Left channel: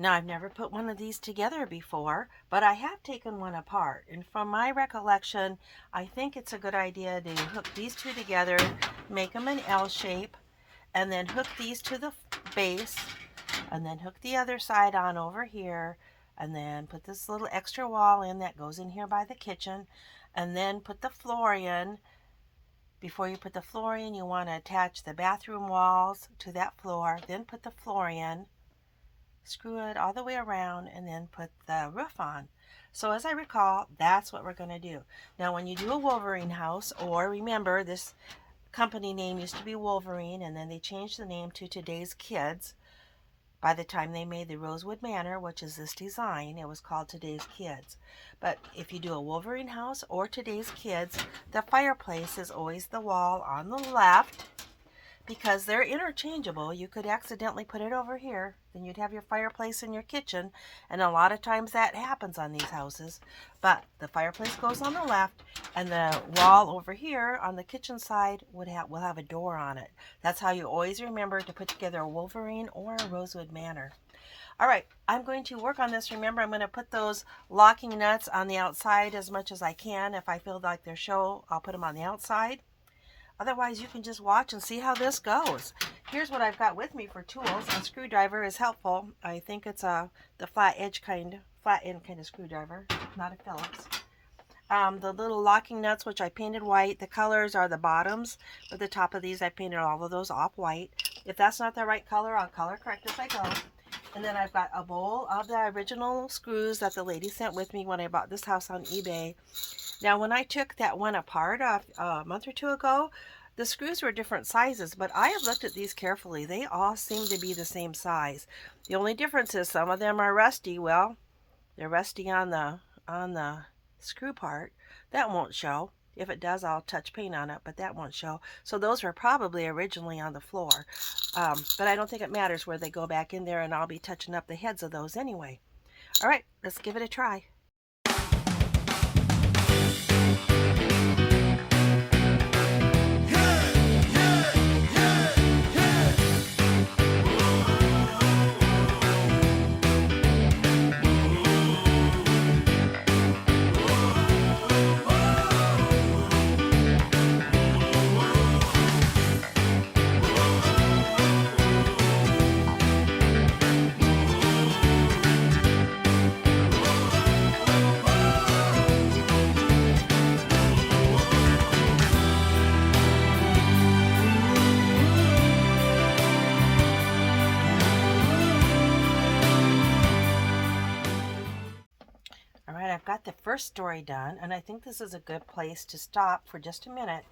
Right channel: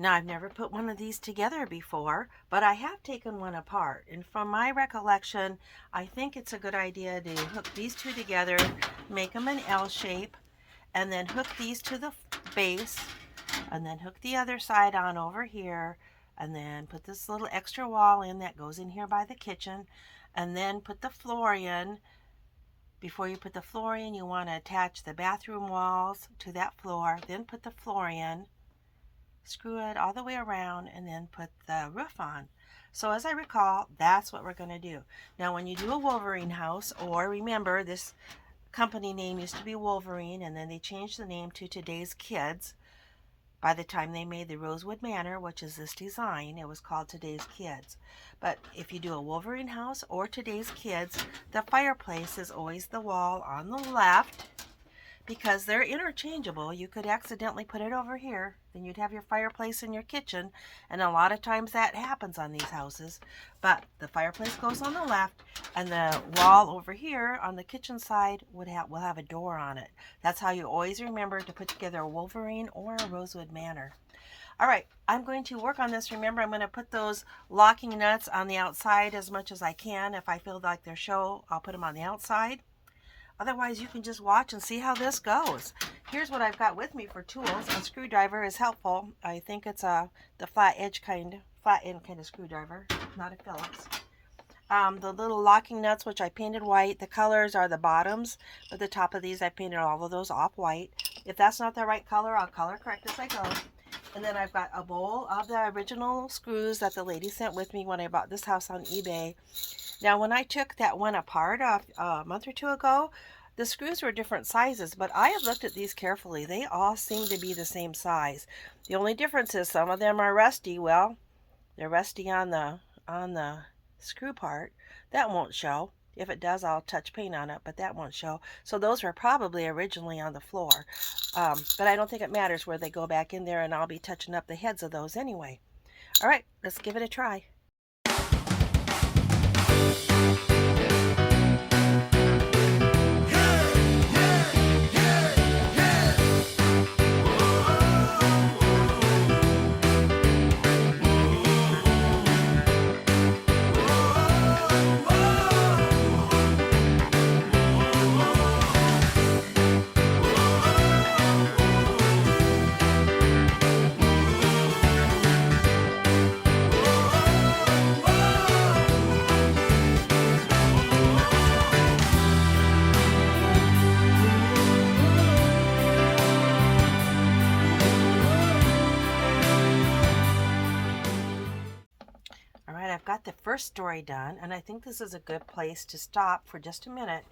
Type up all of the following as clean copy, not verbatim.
Now, I've never put one of these together before, but I have taken one apart. And from my recollection, I think it's a good idea to hook these two together, make them an L shape, and then hook these to the base, and then hook the other side on over here, and then put this little extra wall in that goes in here by the kitchen, and then put the floor in. Before you put the floor in, you want to attach the bathroom walls to that floor, then put the floor in, screw it all the way around, and then put the roof on. So as I recall, that's what we're going to do. Now when you do a Wolverine house, or remember this company name used to be Wolverine, and then they changed the name to Today's Kids. By the time they made the Rosewood Manor, which is this design, it was called Today's Kids. But if you do a Wolverine house or Today's Kids, the fireplace is always the wall on the left, because they're interchangeable. You could accidentally put it over here, then you'd have your fireplace in your kitchen, and a lot of times that happens on these houses. But the fireplace goes on the left, and the wall over here on the kitchen side will have a door on it. That's how you always remember to put together a Wolverine or a Rosewood Manor. All right, I'm going to work on this. Remember, I'm going to put those locking nuts on the outside as much as I can. If I feel like they're show, I'll put them on the outside. Otherwise, you can just watch and see how this goes. Here's what I've got with me for tools. A screwdriver is helpful. I think it's the flat end kind of screwdriver, not a Phillips. The little locking nuts, which I painted white. The colors are the bottoms, but the top of these I painted all of those off white. If that's not the right color, I'll color correct as I go. And then I've got a bowl of the original screws that the lady sent with me when I bought this house on eBay. Now, when I took that one apart a month or two ago, the screws were different sizes, but I have looked at these carefully. They all seem to be the same size. The only difference is some of them are rusty. Well, they're rusty on the screw part. That won't show. If it does, I'll touch paint on it, but that won't show. So those were probably originally on the floor. But I don't think it matters where they go back in there, and I'll be touching up the heads of those anyway. All right, let's give it a try. I've got the first story done, and I think this is a good place to stop for just a minute.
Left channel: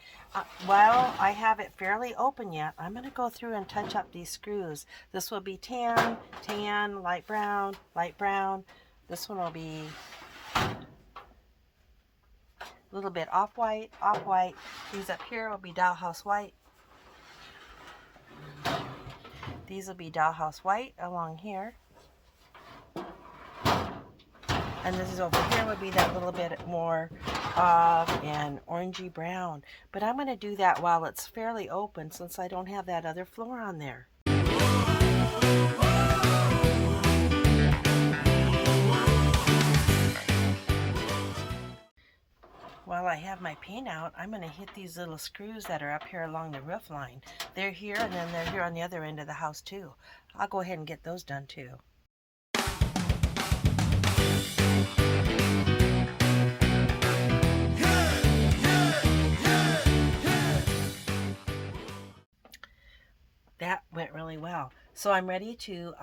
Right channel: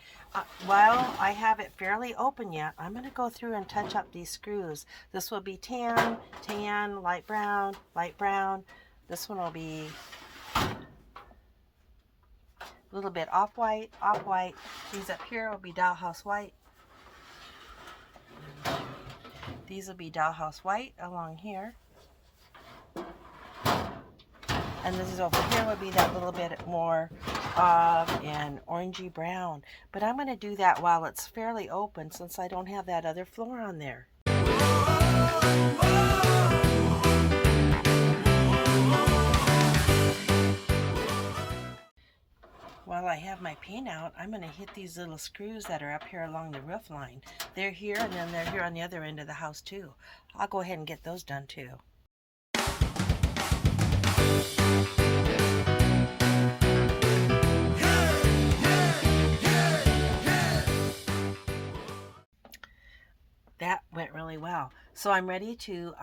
While I have it fairly open yet, I'm going to go through and touch up these screws. This will be tan, tan, light brown, light brown. This one will be a little bit off-white, off-white. These up here will be Dollhouse white. These will be Dollhouse white along here. And this is over here would be that little bit more and orangey brown. But I'm going to do that while it's fairly open, since I don't have that other floor on there. While I have my paint out, I'm going to hit these little screws that are up here along the roof line. They're here, and then they're here on the other end of the house too. I'll go ahead and get those done too. That went really well. So I'm ready to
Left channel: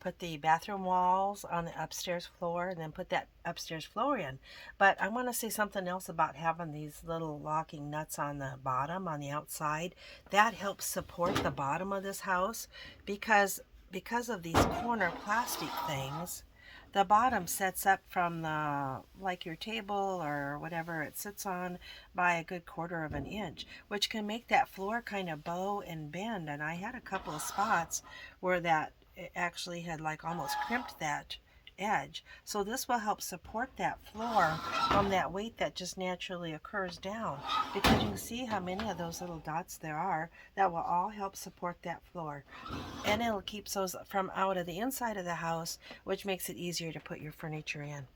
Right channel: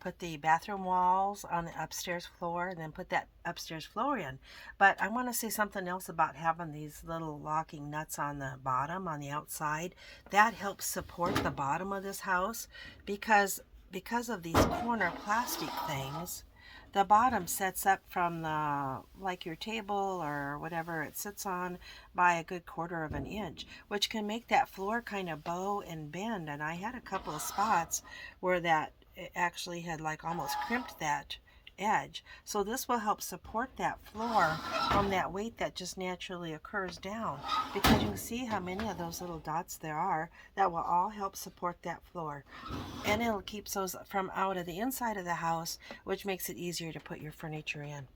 put the bathroom walls on the upstairs floor, and then put that upstairs floor in. But I want to say something else about having these little locking nuts on the bottom, on the outside. That helps support the bottom of this house, because of these corner plastic things. The bottom sets up from like your table or whatever it sits on by a good 1/4 of an inch, which can make that floor kind of bow and bend. And I had a couple of spots where that it actually had like almost crimped that edge. So this will help support that floor from that weight that just naturally occurs down, because you can see how many of those little dots there are that will all help support that floor. And it'll keep those from out of the inside of the house, which makes it easier to put your furniture in.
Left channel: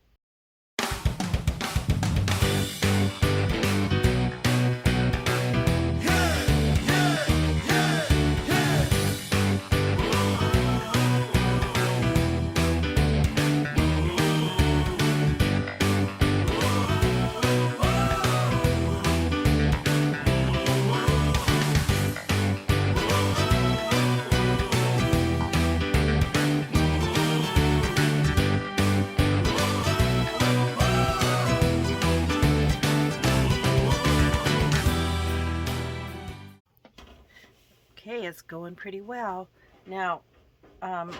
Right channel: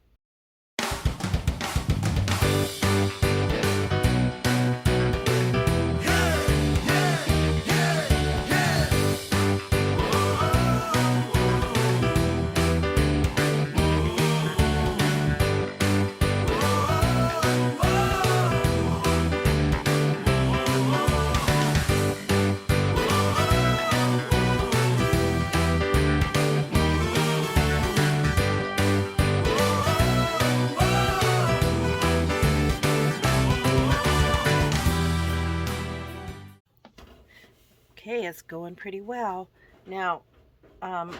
Okay, it's going pretty well. Now, on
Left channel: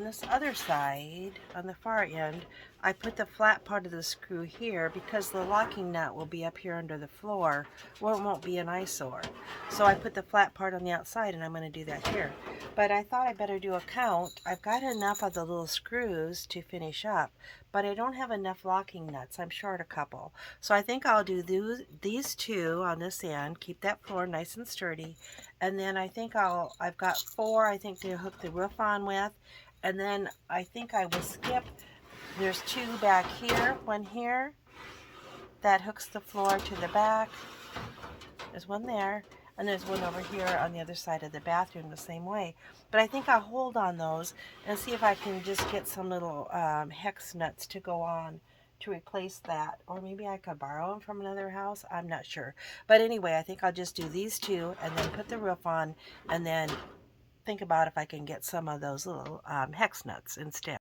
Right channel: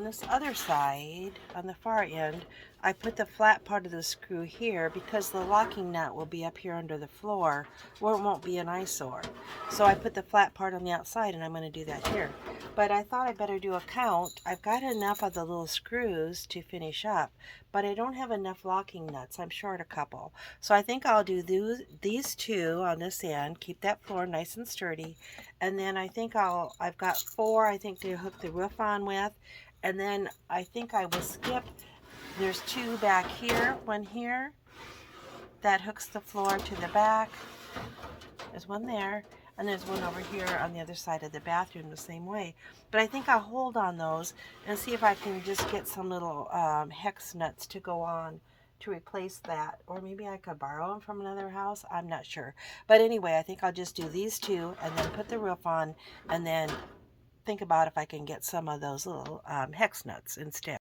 this other side, on the far end, I put the flat part of the screw here because the locking nut will be up here under the floor. Well, it won't be an eyesore. So I put the flat part on the outside, and I'm going to do that here. But I thought I better do a count. I've got enough of the little screws to finish up, but I don't have enough locking nuts. I'm short a couple. So I think I'll do these two on this end, keep that floor nice and sturdy. And then I think I've got 4, I think, to hook the roof on with. And then I think I will skip, there's 2 back here, one here, that hooks the floor to the back. There's one there, and there's one over here on the other side of the bathroom the same way. But I think I'll hold on those and see if I can just get some little hex nuts to go on to replace that. Or maybe I could borrow them from another house. I'm not sure. But anyway, I think I'll just do these 2 and then put the roof on, and then think about if I can get some of those little hex nuts instead.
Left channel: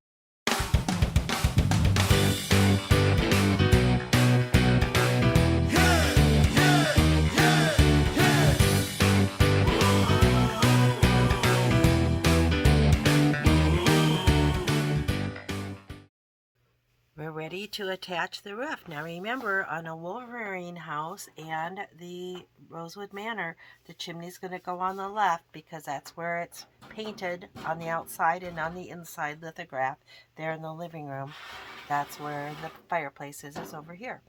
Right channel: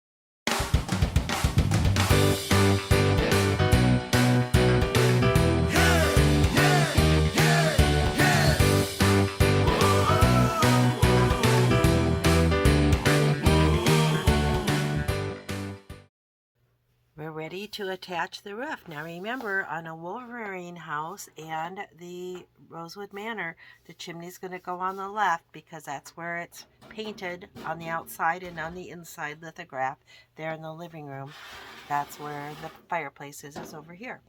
We're ready to attach the roof. Now remember, on a Wolverine house and the Rosewood Manor, the chimney's going to go on the left because that's where it's painted on the outside, and on the inside lithograph there in the living room. That's where the fireplace is over here.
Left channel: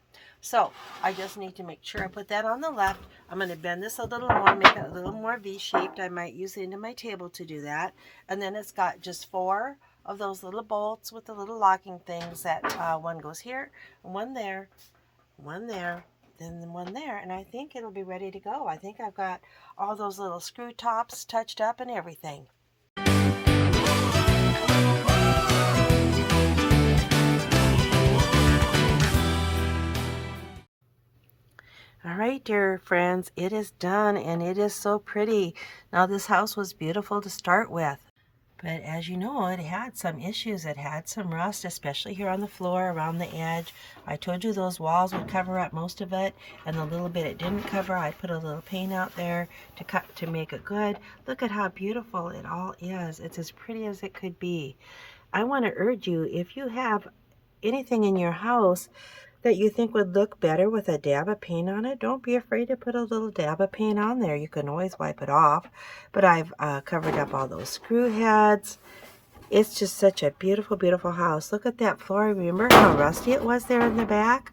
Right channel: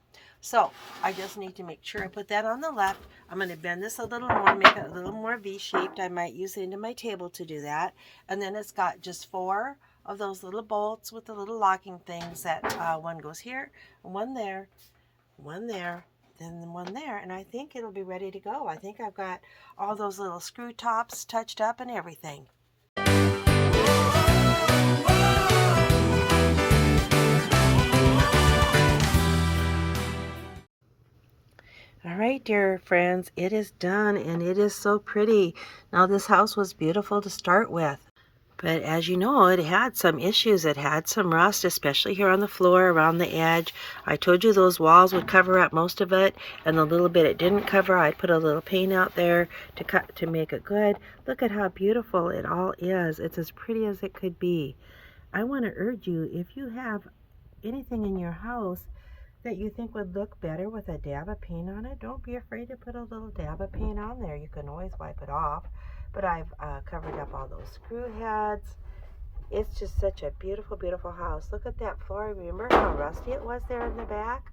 So I just need to make sure I put that on the left. I'm going to bend this a little more, make it a little more V-shaped. I might use the end of my table to do that. And then it's got just 4 of those little bolts with the little locking things that one goes here, one there, then one there, and I think it'll be ready to go. I think I've got all those little screw tops touched up and everything. All right, dear friends, it is done, and it is so pretty. Now, this house was beautiful to start with. But as you know, it had some issues. It had some rust, especially here on the floor, around the edge. I told you those walls would cover up most of it, and the little bit it didn't cover, I'd put a little paint out there to make it good. Look at how beautiful it all is. It's as pretty as it could be. I want to urge you, if you have anything in your house that you think would look better with a dab of paint on it, don't be afraid to put a little dab of paint on there. You can always wipe it off. But I've covered up all those screw heads. It's just such a beautiful, beautiful house. Look at that floor. Remember how rusty it was there in the back?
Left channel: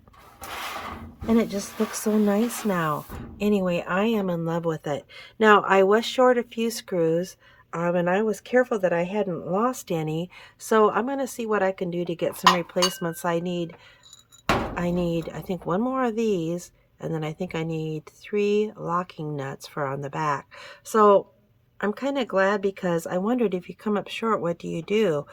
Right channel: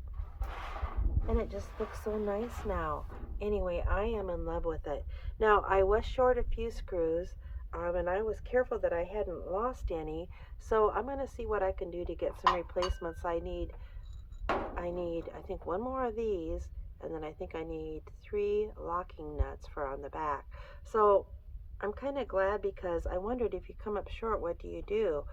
And it just looks so nice now. Anyway, I am in love with it. Now, I was short a few screws, and I was careful that I hadn't lost any. So I'm going to see what I can do to get some replacements. I need, I think, 1 more of these, and then I think I need 3 locking nuts for on the back. So I'm kind of glad, because I wondered, if you come up short, what do you do?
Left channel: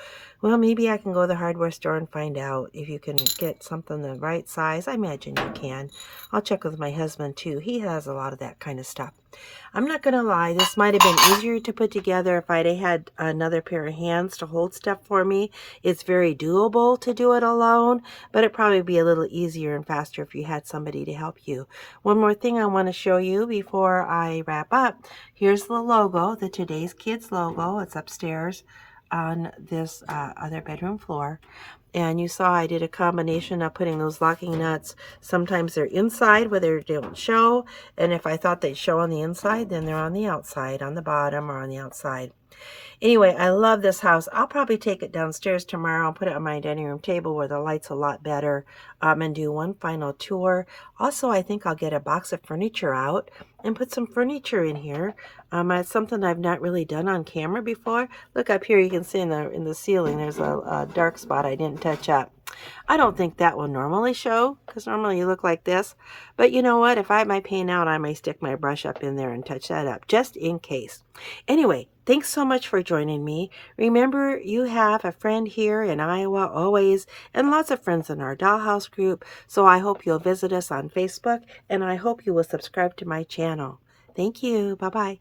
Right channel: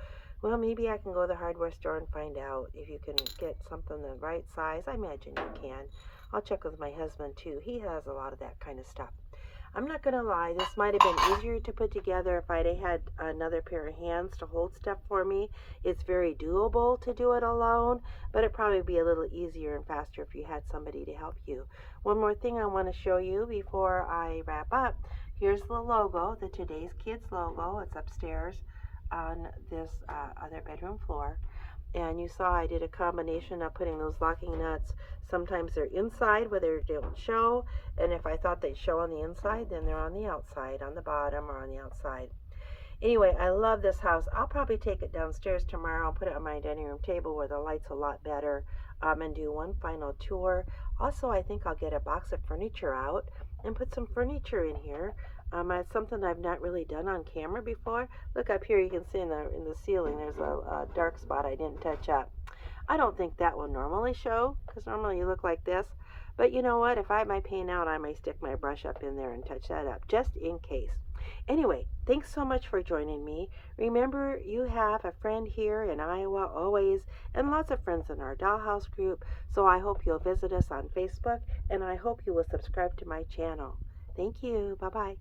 Well, maybe I can go to the hardware store and find out if you can get something the right size. I imagine you can. I'll check with my husband too. He has a lot of that kind of stuff. I'm not going to lie, this might have been easier to put together if I'd had another pair of hands to hold stuff for me. It's very doable to do it alone, but it'd probably be a little easier and faster if you had somebody to help you. One more thing I want to show you before I wrap up. Here's the logo, the Today's Kids logo. It's upstairs on this other bedroom floor. And you saw I did a combination of putting those locking nuts. Sometimes they're inside where they don't show, and if I thought they'd show on the inside, then they're on the outside, on the bottom or on the outside. Anyway, I love this house. I'll probably take it downstairs tomorrow and put it on my dining room table where the light's a lot better, and do one final tour. Also, I think I'll get a box of furniture out and put some furniture in here. It's something I've not really done on camera before. Look up here, you can see in the ceiling there's a dark spot I didn't touch up. I don't think that will normally show, because normally you look like this. But you know what? If I have my paint out, I may stick my brush up in there and touch that up, just in case. Anyway, thanks so much for joining me. Remember, you have a friend here in Iowa always, and lots of friends in our Dollhouse group. So I hope you'll visit us on Facebook, and I hope you will subscribe to my channel. Thank you. Bye-bye.